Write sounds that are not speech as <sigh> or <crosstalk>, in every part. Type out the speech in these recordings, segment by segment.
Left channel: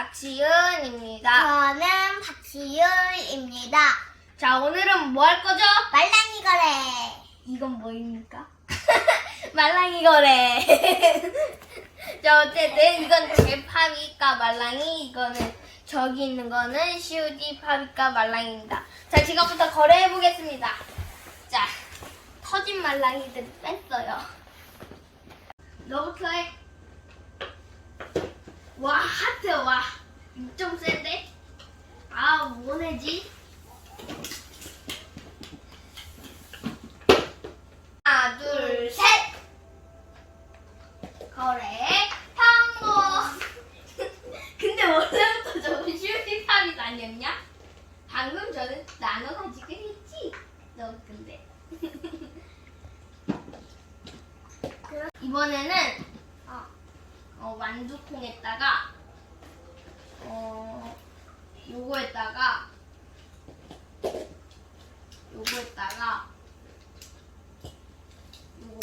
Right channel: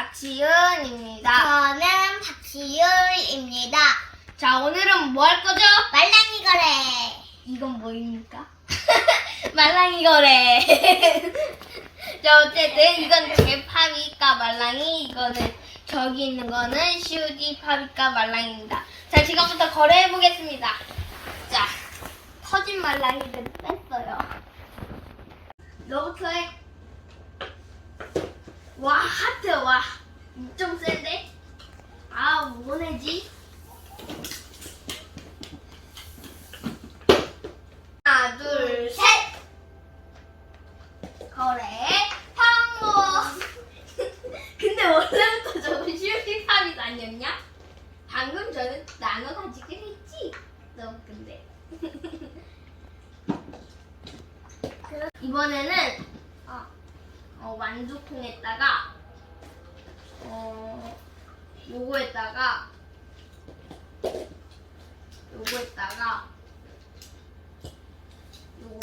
박시은입니다. 저는 박지율입니다. 자, 오늘은 뭐 할 거죠? 말랑이 거래. 이건 뭐입니까? <laughs> 말랑이 거래. <laughs> 자, 어쨌든 이건 제 파비까 말랑이, 이거는 저기 있는 거는 시우디 파비까 말랑입니다. 자, 지금부터 거래해 보겠습니다. 자, 커진 말랑이를 뺐어요. 너부터 해. 와, 하트, 와. 좀 센데? 아, 뭐 내지? 하나, 둘, 셋! 거래, 항모! <laughs> 근데 원래부터 저거 슈티팝이 아니었냐? 방금 저는 나눠 가지긴 했지? 너 근데. <laughs> 이번에는, 어, 어, 완두콩에다가, 어, 요거에다가, 요거에다가, 요거.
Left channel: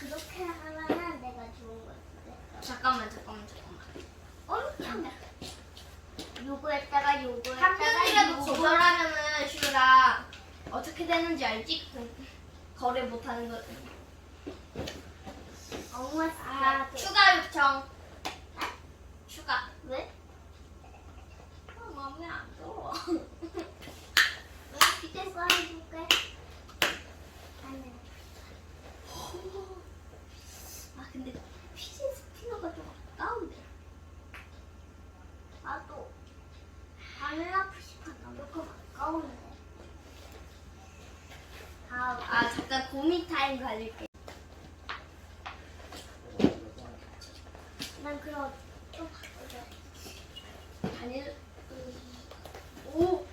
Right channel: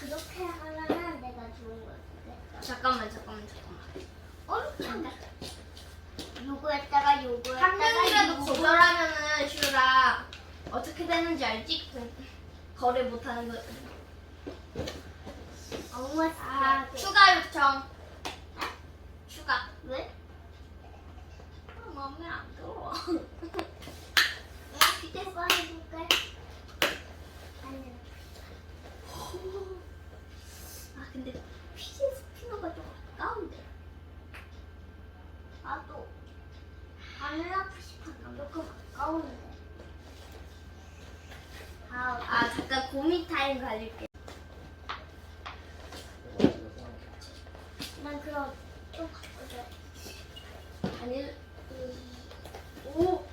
그렇게 하면은 내가 좋은 거 같아. 잠깐만, 잠깐만, 잠깐만. 엄청. 요거에다가 요거에다가 한 명이라도 요거. 거절하면은 슈라 어떻게 되는지 알지? 거- 거래 못하는 거. 엄마 아, 아, 추가 요청. 추가. 왜? 아, 마음에 안 들어. 이제 꺼내볼게. 아니. 아, 근데 피지 스피너가 좀 아까운데. 나도 바닐라 푸시판 조금 가까운데. 아, 아, 잠깐 고민 타임 가질게. 난 그럼 좀 바꿔줘. 아니, 오,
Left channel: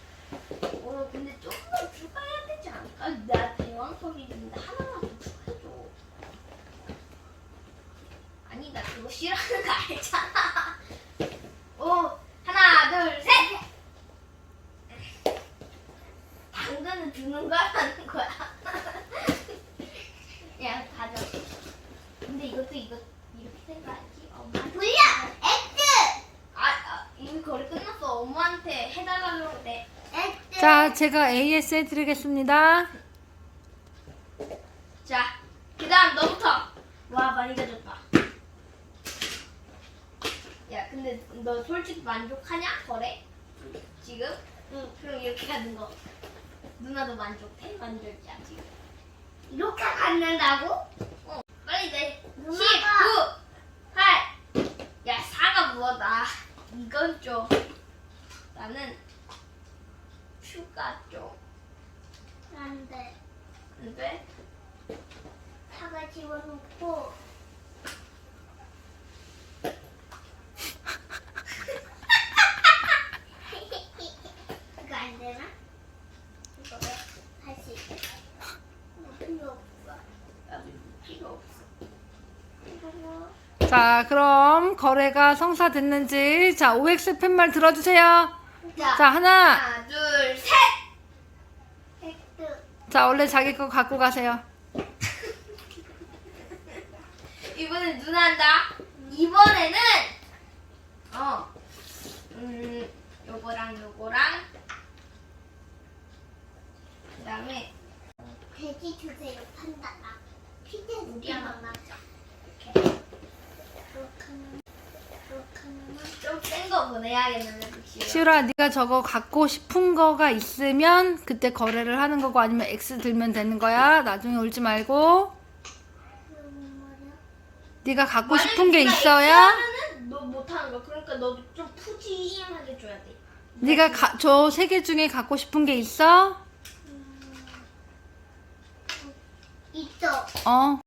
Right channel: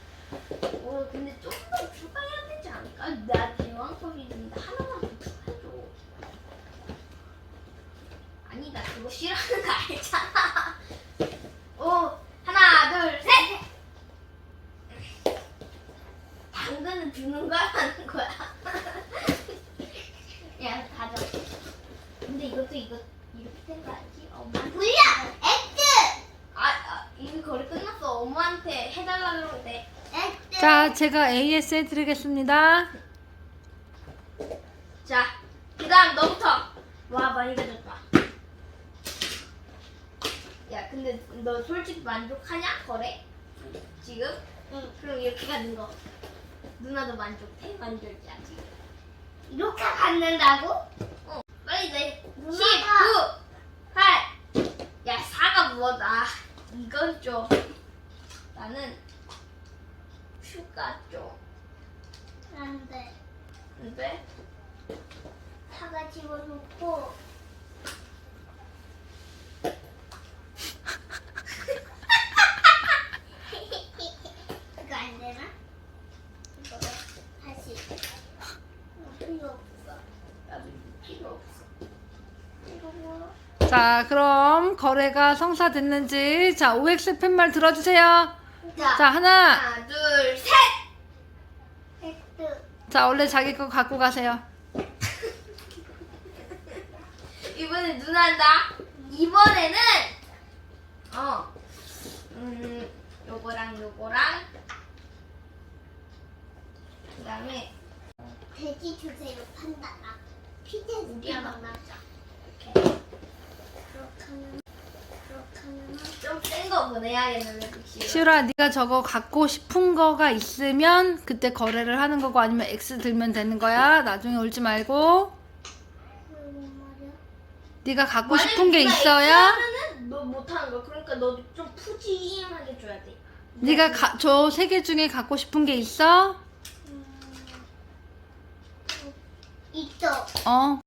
오, 근데 조금 더 추가해야 되지 않을까? 나 대왕컵인데 하나만 더 추가해줘. 아니, 나 그거 싫어하는 거 알잖아. <laughs> 오, 하나, 둘, 셋! 당근은 주는 거야, 하는 <laughs> 거야? 야, 가져. 근데 이것도 이거, 이렇게 생각하지? 엄마. 불려! X! 아, 아, 이미 거리 끝났어. 엄마한테 해달라고 돼. X! 자, 제가 AS 해드리겠습니다. 자, 그 다음 너부터. 와, 많이 가졌다. 야, 근데 너 솔직히 만족하냐? 거래? 지금? 응. 그럼 이렇게 가는 거. 누나도 만족해? 만족이야, 지금. 이렇게 갖는다고? 어, 빨리 내. 10, 9, 누나가- 8. 야, 4가 뭐다. 이건 좀. 나는 슈가 좀. 안 돼. 근데 사과 집어넣고. 이거 안 되나? 이거 다시. 이거 필요 없어. 필요 없어. 이거 뭐? 자, 그럼 거래가 성사됐는지 자, OX 팻말 들어주세요. 자, 자, 하나. 하나, 둘, 셋! X. 자, 원래 자기 거 갖고 가세요. <laughs> 이번엔 누나 한다. 이번에는, 어, 음, 요거랑 요거랑, 그 다음에, 돼지 주세요, 판다가. 피자 우리 주세요, 하나. 이렇게 그렇게 하면, 그렇게 하면. 좀 센 거 보내야겠는데? 시우라, 네가 저거 갖고 싶은 거가 있으면 그때 거래를 하는 거고 아니면 X 들면 되는 거야. 나중에 울지 말고. 네가 갖고 싶은 게 있어야 너 못하는 거. 그러니까 너 좀 푸짐하게 줘야 돼. 네가 저세 개 중에 갖고 싶은 게 있어? 있어. 어.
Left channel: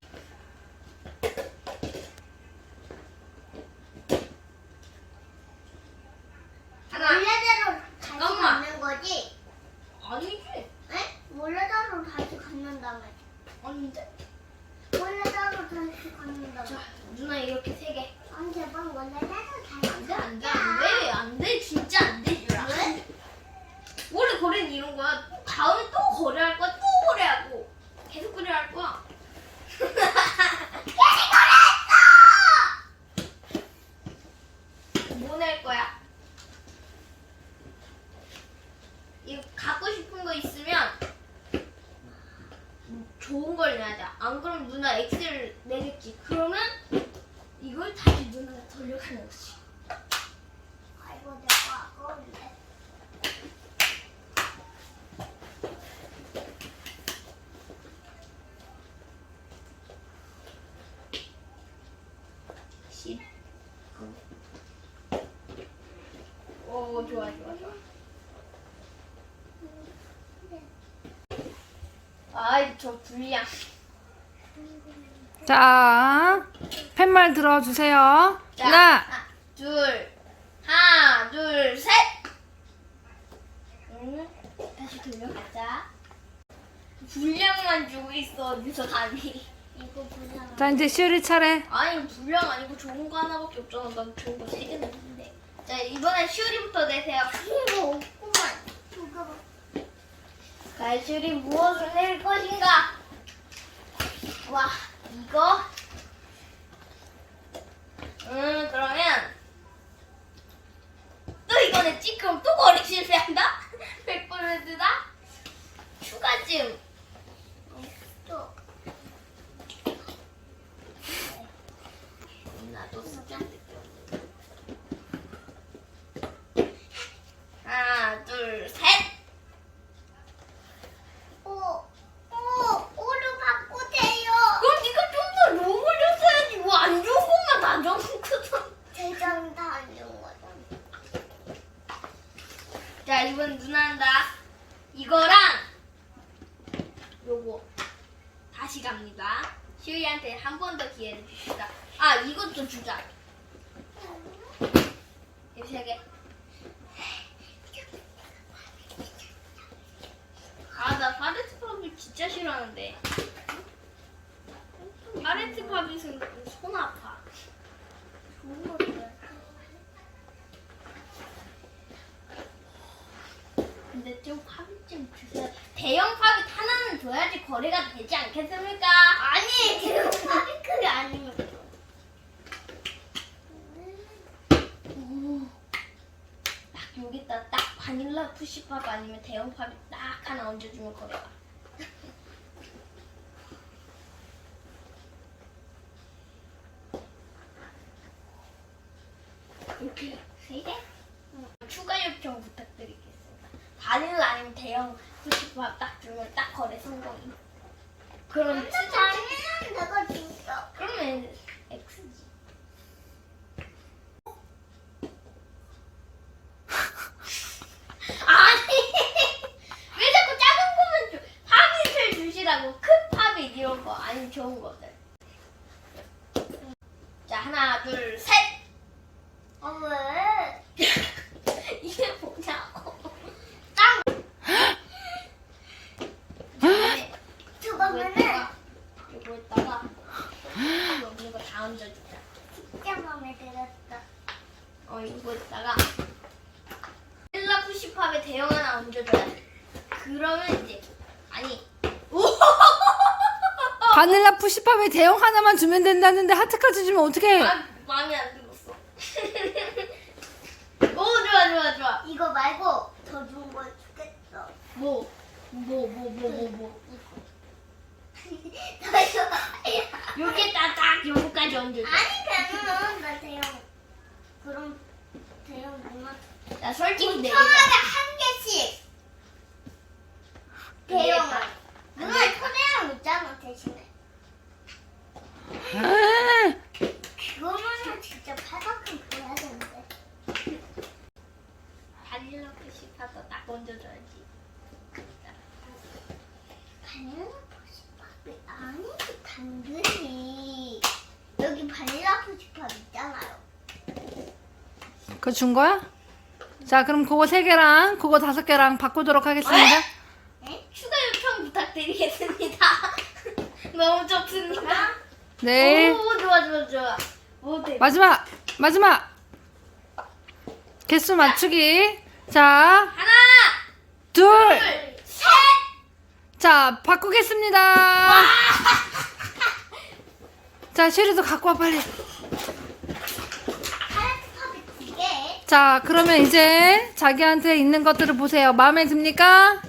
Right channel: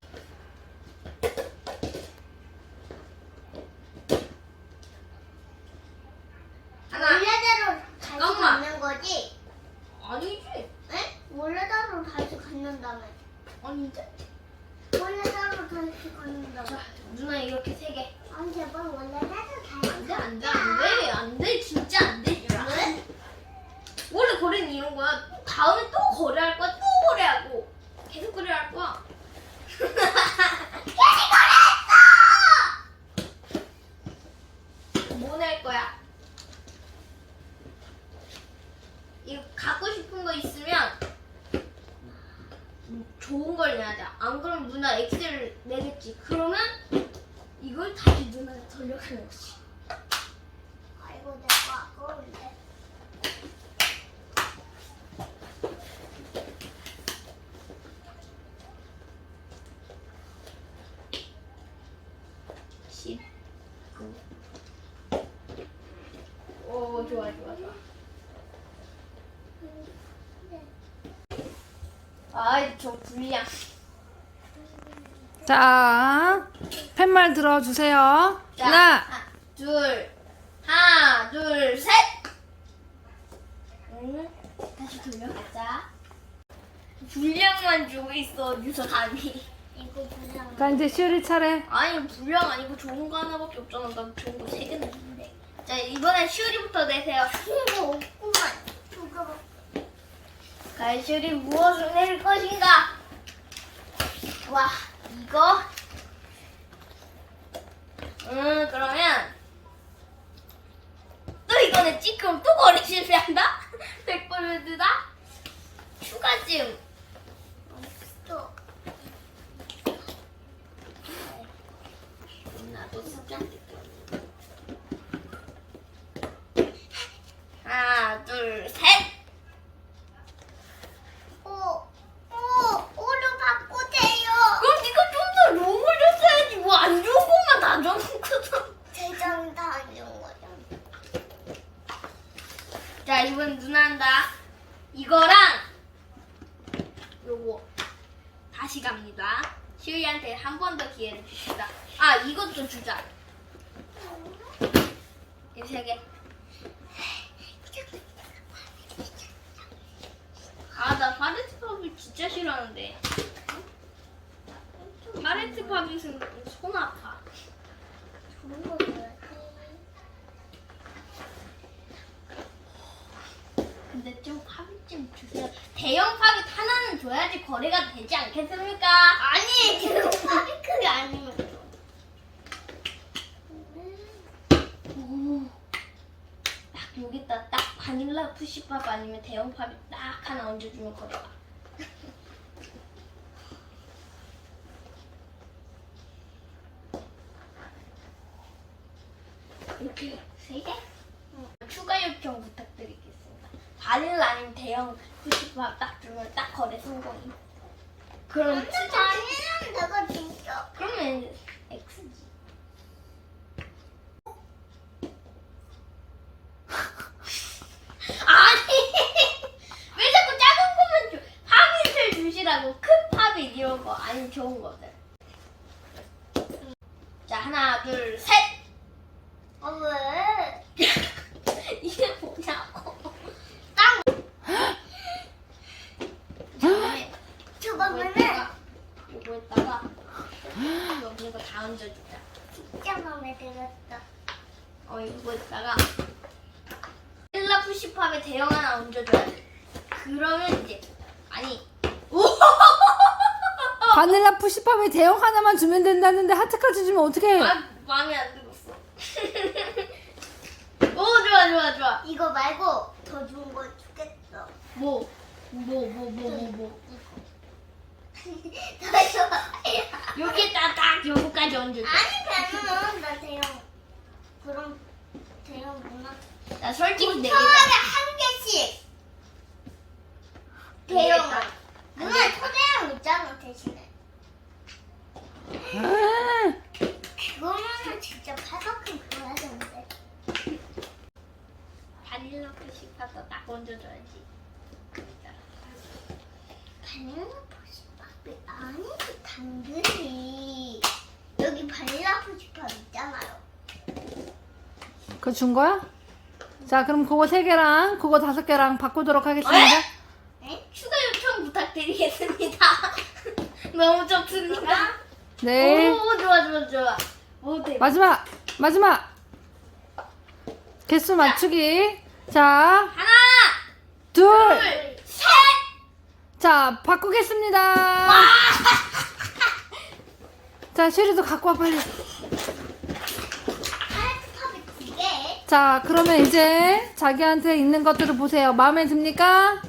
거래는 이런 거야. 다음에 또 거래할 거야. 또 거래하고 계속 거래할 거야. <laughs> 계속 거래했어! 뭐 낼 거야? 이거 갖고 싶은 거 있으면 좋은 걸 내야 돼. 안 그러면 누나 엑셀 좋아, 좋아, 좋아. 아이, 저 불량. 자, 팻말 들어주세요. 자, 하나, 둘, 하나, 둘, 셋. 응, 다시 돌려가자. 불량만 주고 있어, 어디서 감히. 이거 그냥 자, 이제 시우리 차례. 아니, 불량 아니고 좋은 거 하나밖에 없잖아. 난 좋은 거 세 개는 있는데. 자, 이번엔 슈리부터 내세요. 이거 없구만. 이거 갈슈리 무엇을 낼 것인가? 와, 이거? 음, 그러면 또 이거 냈지? 그럼 또 거리 실패한다? <laughs> 100%다? 추가짐. 또 나도 숫자인데 하나, 둘, 셋. 오, 오, 오를 바꾸세요. 그럼 네가 좀 더 롱을 줬어야지. 뭐 안 좋은 것만 다 적었거든. 대장 다 아니온 거잖아. 자, 이번 누나 한다. 이거랑 요거 다시 갑니다. 시우이 한 번 더 기회를 주시다. 아, 이것도 주자. 이세 개. 아, 나 파레트 팝을 진짜 싫어하는데. 파레트 팝이 손 아파. 근데 좀 좀 주세요. 대형 팝이 하나는 줘야지 거래가 되지 않겠습니까? 아니, 지금 파리크이 아니면. 오. 딱 여기다 딱 바닐라 푸시팝 아니면 대형 팝이 딱 하나 얹어주면 거래가. 이렇게 세 개? 추가 요청 부탁드리겠습니다. 바닐라 아니면 대형 푸시팝 딱 주면 딱 거래 성공이. 그럼 근데 진짜 바닐라는 내가 줬어. 그러면 X지. 아니 왜 자꾸 작은 거만 줘? 팝잇을 주시라고 큰 팝잇 이런 거 아니 좋은 거들. 자 하나 둘 셋. 아, 왜? 이게 뭐냐고. 땅! 이제 저거면은 여기 이거 다 얹어주자. 진짜 마음에 들었어. 어 이거에다가 셀라 푸시팝에 대형 하나 얹어줘야 돼. 그러면 이제 아니 오 <laughs> 바닐라 푸시팝에 대형 하나만 주면 된다는데 하트까지 주면 어떡해? 아, 마음에 안 들었어. <laughs> 오 좋아 좋아 좋아. 이거 말고 더 좋은 거 주겠어. 뭐 뭐 뭐 뭐 뭐 뭐. 더 좋아. 여기에다 딱 요거까지 얹어줘. 아니, 그러면 나 대형. 그럼 대형 누나. 나 솔직히 내 초안에 한 개씩. 대형을. 누나 초대형 있잖아, 대신에. 아, 그거면은 진짜 팔만큼 줘야 되는데. 바닐라 푸시팝도 딱 얹어줘야지. 바닐라 아니지, 당근이. 여기 바닐라 푸시팝 있잖아요. 그거 준 거야? 자, 그럼 그거 세 개랑 그거 다섯 개랑 바꾸도록 하겠습니다. 네? 추가 요청 부탁드리겠습니다. <laughs> 너무 좋습니다. 네. 오 좋아 좋아 좋아. 오 대. 마지막, 마지막. 개수 맞추기. 자, 하나 둘. 둘 셋. 자, 바꾸겠습니다. <laughs> 자, 쉐리도 갖고 와, 빨리. 파란색팝이 두 개. 자, 그러면 이제 자기한테 있는 것들을 보세요. 마음에 듭니까?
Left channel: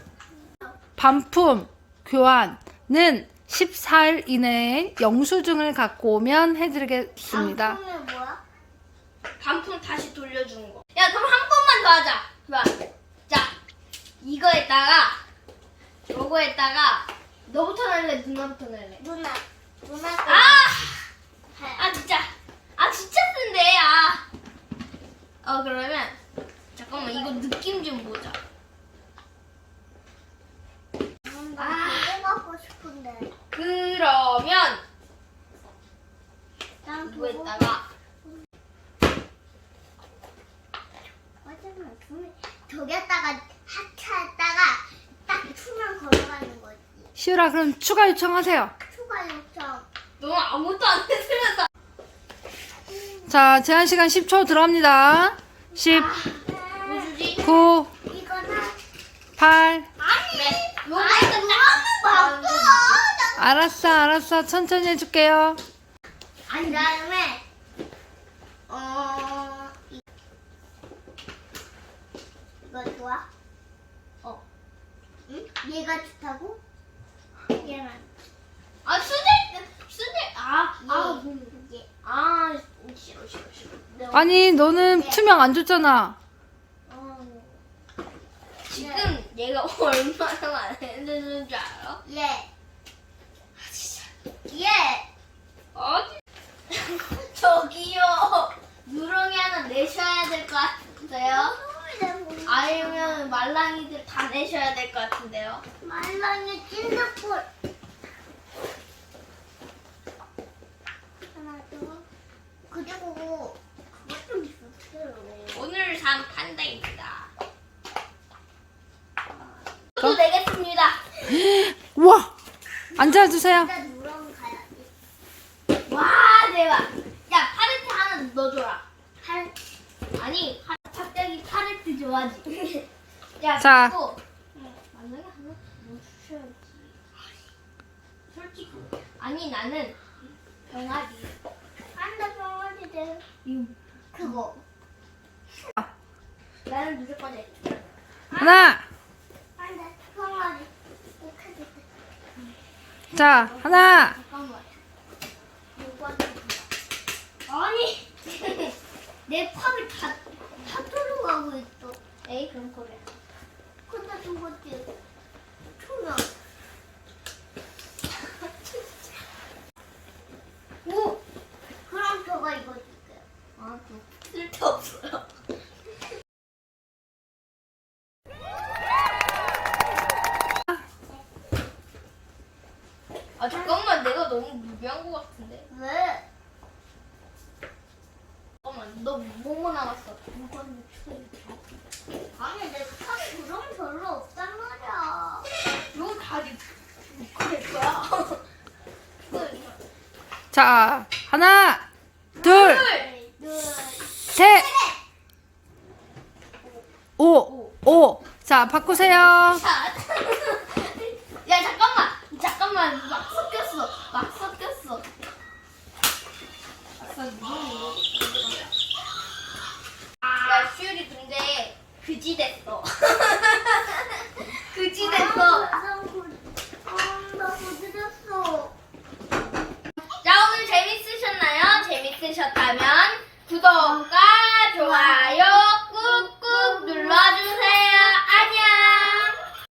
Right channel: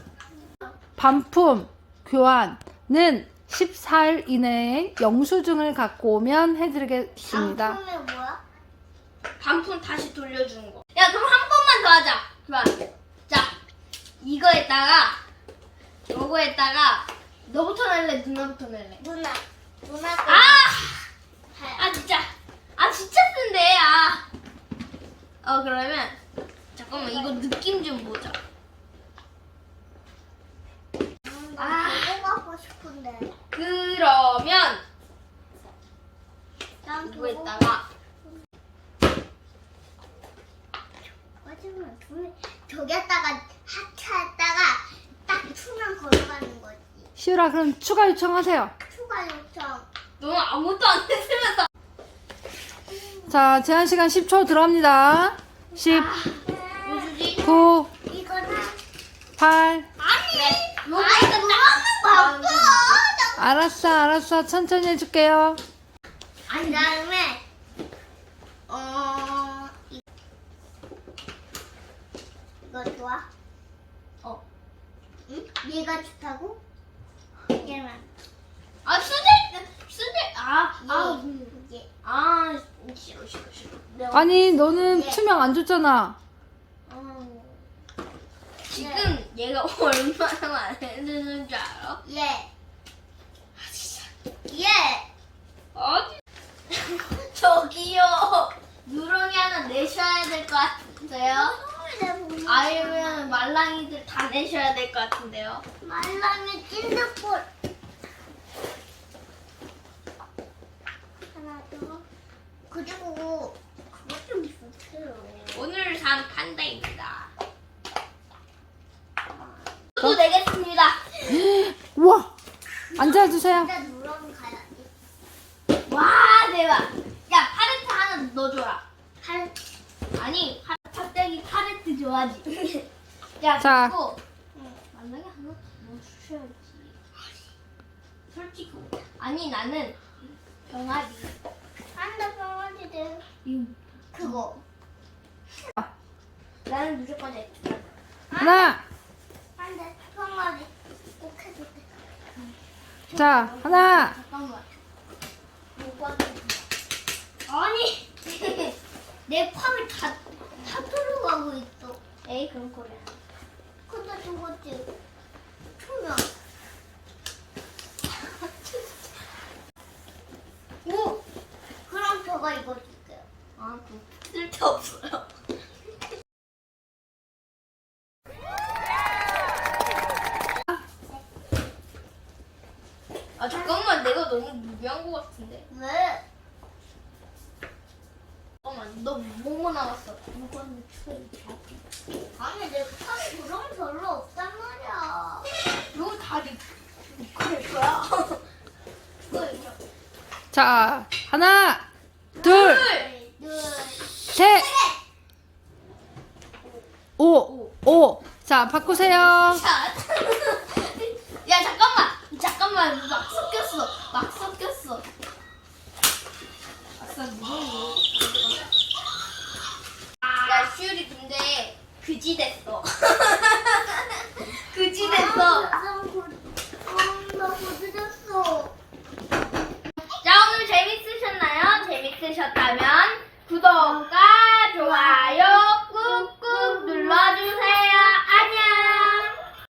반품, 교환은 14일 이내에 영수증을 갖고 오면 해드리겠습니다. 상품이 뭐야? 반품 다시 돌려주는 거. 야, 그럼 한 번만 더 하자. 좋아. 자, 이거에다가, 요거에다가, 너부터 낼래, 누나부터 낼래? 누나. 누나. 아! 아, 진짜. 아, 진짜 쓴데, 아. 어, 그러면, 잠깐만, 이거 느낌 좀 보자. 나 아. 그거 갖고 싶은데. 그러면, 난 그거. 이거에다가, 마지막 둘 저기다가 하트에다가 딱 투면 걸어가는 거지. 시우라 그럼 추가 요청하세요. 추가 요청. 너 아무것도 안 했으면서. 자 제한 시간 10초 들어갑니다. 10, 뭐 주지? 9, 이거는 8. 아니, 네. 이거 나는 바꿔. 알았어 알았어 천천히 해줄게요. 아니 그다음에 어 이- 이거 좋아? 어. 응? 얘가 좋다고? 얘만. 아, 수제, 수제, 아, 아, 얘. 아, 싫어, 싫어, 싫어. 아니 너는 투명 안 줬잖아. 어. 지금 얘가 <laughs> 얼마나 많이 드는 줄 알아? 얘. 얘. 어디? <laughs> 저기요. 누렁이 하나 내셔야 될 것 같은데요? 아니면 말랑이들 다 내셔야 될 것 같은데요? 말랑이 찐득볼. 하나 더. 그리고 그거 좀 주세요. 오늘 산 판다입니다. 저도 내겠습니다. 우와 앉아주세요. 진짜 누렁이 가야지. 와, 대박. 야, 파레트 하나 넣어줘라. 한 아니, 파- 갑자기 파레트 좋아하지. 야, 자. 그리고 만나게 하나 넣어주셔야지. 솔직히. 아니, 나는 병아리. 한다 병아리들. 이거 그거. 나는 무조건 해. 하나, 한다 병아리. 자 하나, 잠깐만. 아니, <laughs> 내 팝이 다, 다 들어가고 있어. 에이, 그럼 그래. 저거지. 투명. 오! 그럼 저거 이거 줄게요. 아, 그 쓸데없어요. 아, 잠깐만. 내가 너무 무리한 것 같은데. 왜? 잠깐만. 너 뭐뭐 나왔어? 이건 추워. 아니, 내 팝이 그런 거 별로 없단 말이야. 너 다리 그럴 거야. <laughs> 자 하나, 둘, 둘, 셋, 오, 오. 자 바꾸세요. 자. <laughs> 야, 잠깐만. 잠깐만. 막 섞였어. 막 섞